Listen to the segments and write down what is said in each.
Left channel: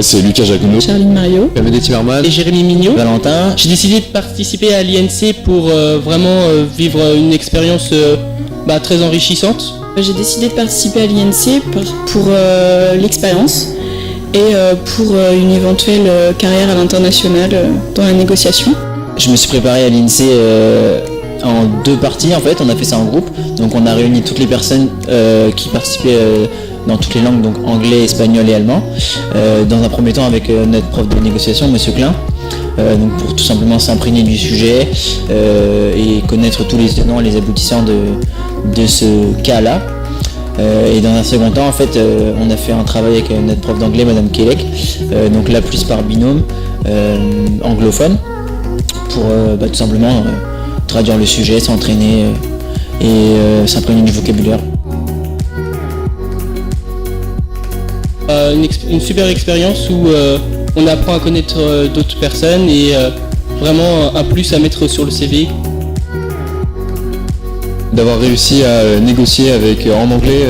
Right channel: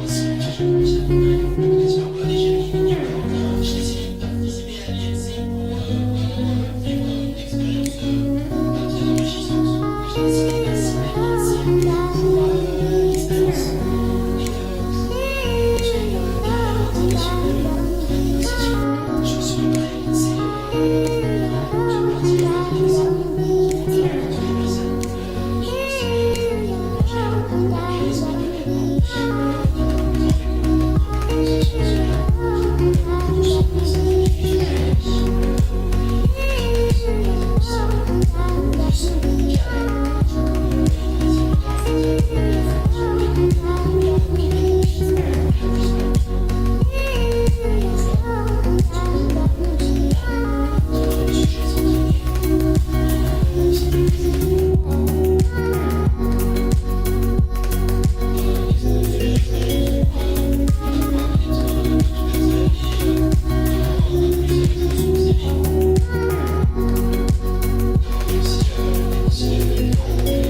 Moi c'est Lucas Jacono, Charline Mario, Camedet Timmerman et Jérémy Mignon. Valentin. J'ai décidé de participer à l'INC pour vraiment vivre une expérience très enrichissante. J'ai décidé de participer à l'INC pour l'expérience et pour une éventuelle carrière à l'international dans la négociation. Je me suis préparé à l'INSEE en 2 parties en fait, on a fait ça en groupe. Donc on a réuni toutes les personnes qui participaient dans toutes les langues, donc anglais, espagnol et allemand. Dans un premier temps avec notre prof de négociation, Monsieur Klein, donc pour tout simplement s'imprégner du sujet et connaître tous les tenants et les aboutissants de ce cas-là. Et dans un second temps, en fait, on a fait un travail avec notre prof d'anglais, Madame Kelec, donc là plus par binôme anglophone, pour tout simplement traduire le sujet, s'entraîner et s'imprégner du vocabulaire. Une super expérience où on apprend à connaître d'autres personnes et vraiment un plus à mettre sur le CV. d'avoir réussi à négocier en anglais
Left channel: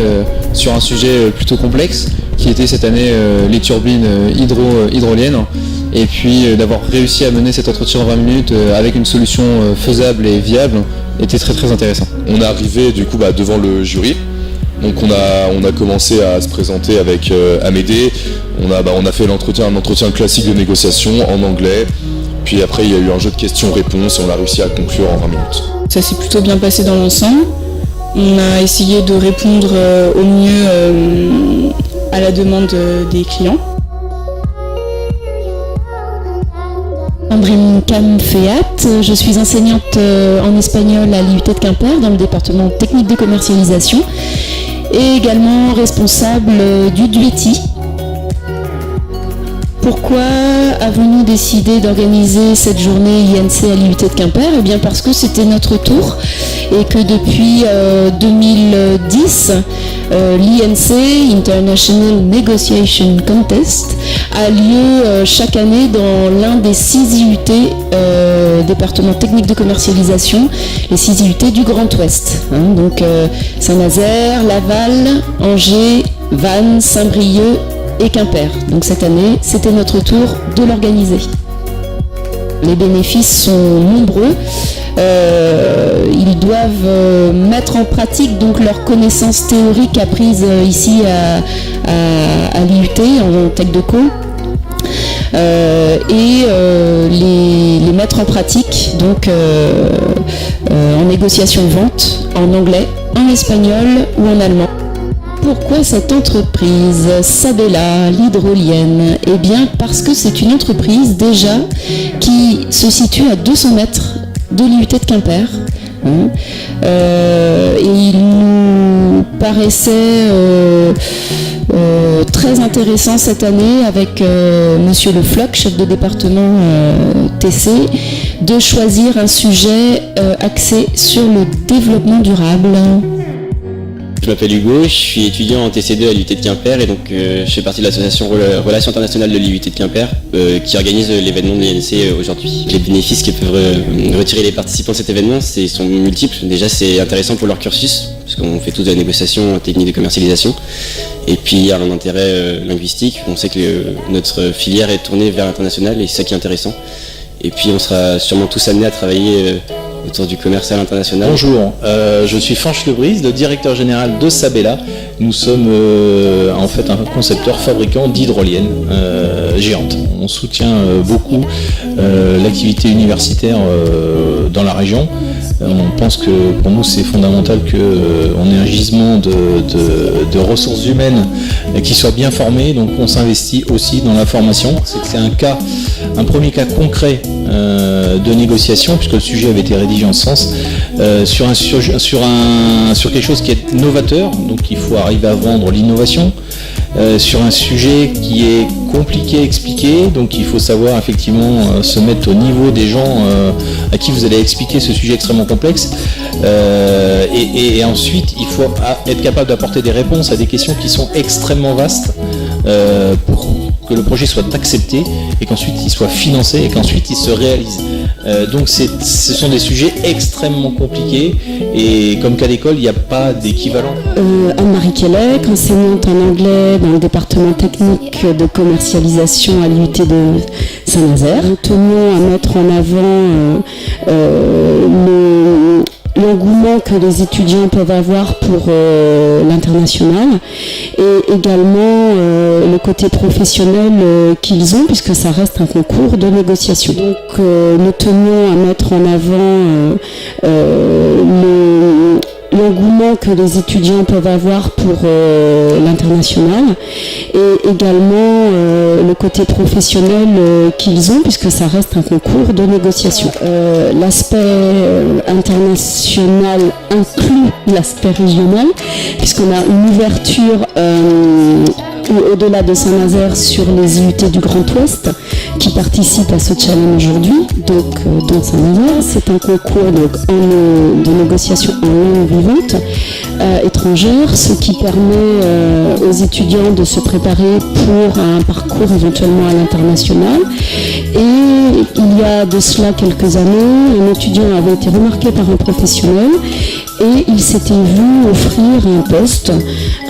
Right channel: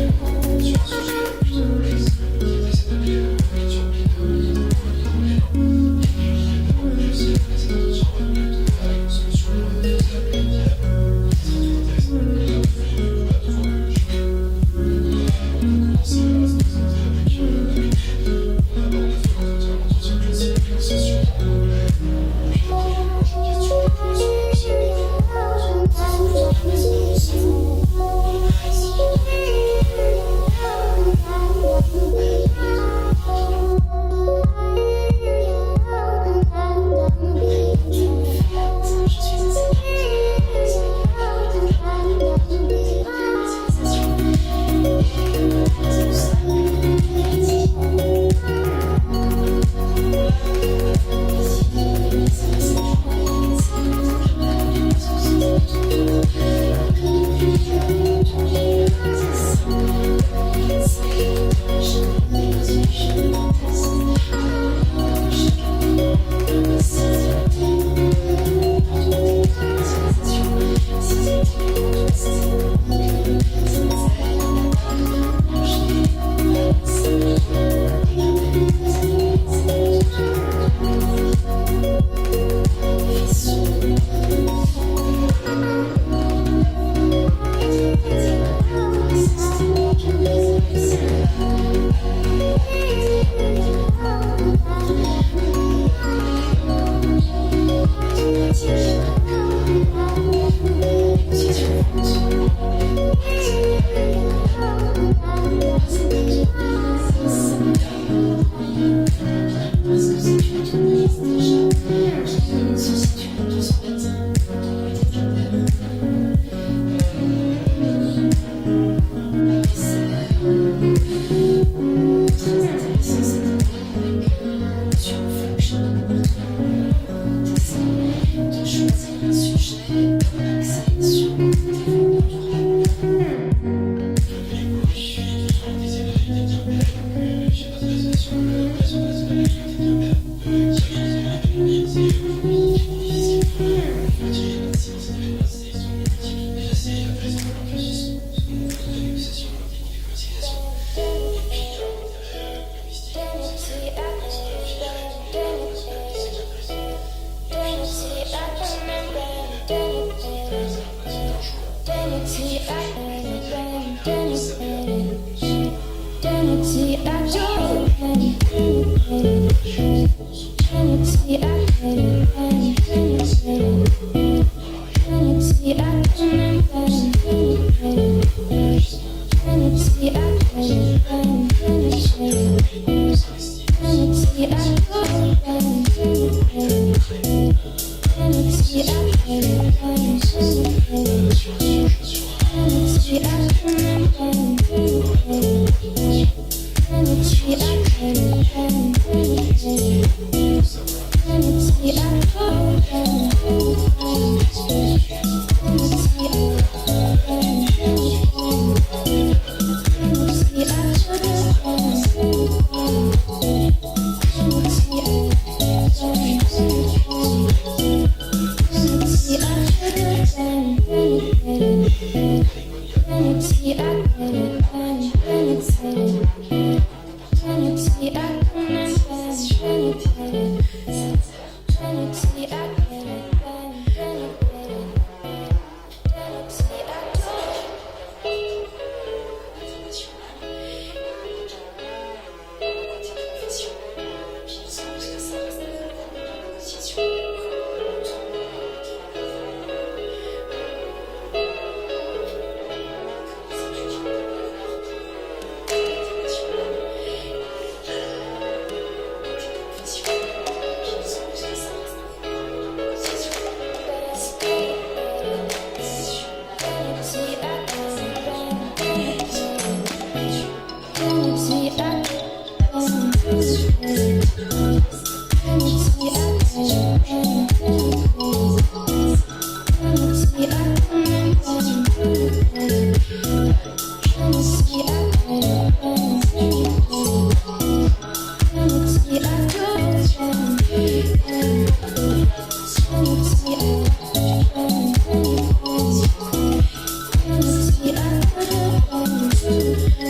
sur un sujet plutôt complexe qui était cette année les turbines hydroliennes, et puis d'avoir réussi à mener cet entretien en 20 minutes avec une solution faisable et viable était très très intéressant. On est arrivé du coup devant le jury. Donc on a commencé à se présenter avec Amédée, on a fait un entretien classique de négociation en anglais, puis après il y a eu un jeu de questions-réponses et on a réussi à conclure en 20 minutes. Ça s'est plutôt bien passé dans l'ensemble. On a essayé de répondre au mieux à la demande des clients. Andrine Camfeat, je suis enseignante en espagnol à l'IUT de Quimper dans le département technique de commercialisation et également responsable du DUETI. Pourquoi avons-nous décidé d'organiser cette journée INC à l'IUT de Quimper ? Eh bien parce que c'était notre tour et que depuis 2010, l'INC, International Negotiation Contest, a lieu chaque année dans l'un des 6 IUT département technique de commercialisation, les 6 IUT du Grand Ouest. Donc Saint-Nazaire, Laval, Angers, Vannes, Saint-Brieuc et Quimper. Donc cette année, c'était notre tour de l'organiser. Les bénéfices sont nombreux. Ils doivent mettre en pratique donc leurs connaissances théoriques apprises ici à l'IUT en Tech de Co. Et les mettre en pratique donc en négociation de vente en anglais, en espagnol ou en allemand. Pourquoi cette entreprise Sabella, l'hydrolienne ? Eh bien parce que c'est une entreprise déjà qui se situe à 200 mètres de l'IUT de Quimper. Et il nous paraissait très intéressant cette année avec Monsieur Le Floch, chef de département TC, de choisir un sujet axé sur le développement durable. Je m'appelle Hugo, je suis étudiant en TC2 à l'IUT de Quimper et donc je fais partie de l'association Relations Internationales de l'IUT de Quimper qui organise l'événement de l'INC aujourd'hui. Les bénéfices que peuvent retirer les participants de cet événement sont multiples. Déjà c'est intéressant pour leur cursus, parce qu'on fait tous de la négociation, technique de commercialisation. Et puis il y a un intérêt linguistique, on sait que notre filière est tournée vers l'international et c'est ça qui est intéressant. Et puis on sera sûrement tous amenés à travailler autour du commerce à l'international. Bonjour, je suis Franche Lebrise, le directeur général de Sabella. Nous sommes en fait un concepteur fabricant d'hydroliennes géantes. On soutient beaucoup l'activité universitaire dans la région. On pense que pour nous c'est fondamental qu'on ait un gisement de ressources humaines qui soient bien formées, donc on s'investit aussi dans la formation. C'est un premier cas concret de négociation, puisque le sujet avait été rédigé en ce sens, sur quelque chose qui est novateur, donc il faut arriver à vendre l'innovation, sur un sujet qui est compliqué à expliquer, donc il faut savoir effectivement se mettre au niveau des gens à qui vous allez expliquer ce sujet extrêmement complexe, et ensuite il faut être capable d'apporter des réponses à des questions qui sont extrêmement vastes pour que le projet soit accepté et qu'ensuite il soit financé et qu'ensuite il se réalise. Donc ce sont des sujets extrêmement compliqués et comme cas d'école, il n'y a pas d'équivalent. Anne-Marie Kellec, enseignante en anglais dans le département technique de commercialisation à l'UT de Saint-Nazaire. Nous tenions à mettre en avant l'engouement que les étudiants peuvent avoir pour l'international et également le côté professionnel qu'ils ont puisque ça reste un concours de négociation. Donc nous tenions à mettre en avant l'engouement que les étudiants peuvent avoir pour l'international et également le côté professionnel qu'ils ont puisque ça reste un concours de négociation. L'aspect international inclut l'aspect régional puisqu'on a une ouverture au-delà de Saint-Nazaire sur les UT du Grand Ouest qui participent à ce challenge aujourd'hui. Donc dans Saint-Nazaire, c'est un concours de négociation en langue vivante étrangère, ce qui permet aux étudiants de se préparer pour un parcours éventuellement à l'international. Et il y a de cela quelques années, un étudiant avait été remarqué par un professionnel et il s'était vu offrir un poste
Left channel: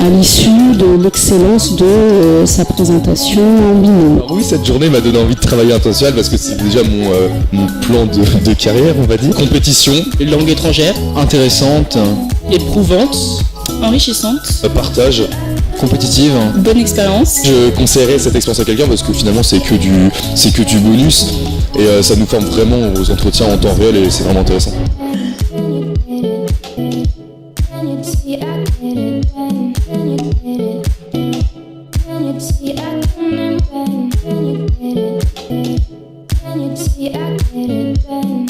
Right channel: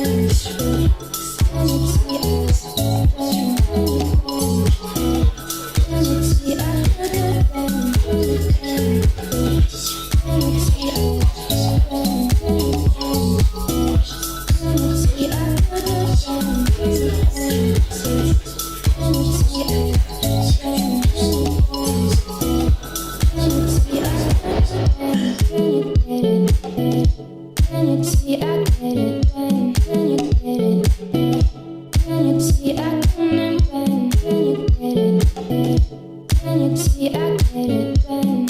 à l'issue de l'excellence de sa présentation en binôme. Oui, cette journée m'a donné envie de travailler international parce que c'est déjà mon plan de carrière, on va dire. Compétition, Langue étrangère, Intéressante, éprouvante, Enrichissante, partage. compétitive. bonne expérience. Je conseillerais cette expérience à quelqu'un parce que finalement c'est que du bonus et ça nous forme vraiment aux entretiens en temps réel et c'est vraiment intéressant. See, I get it when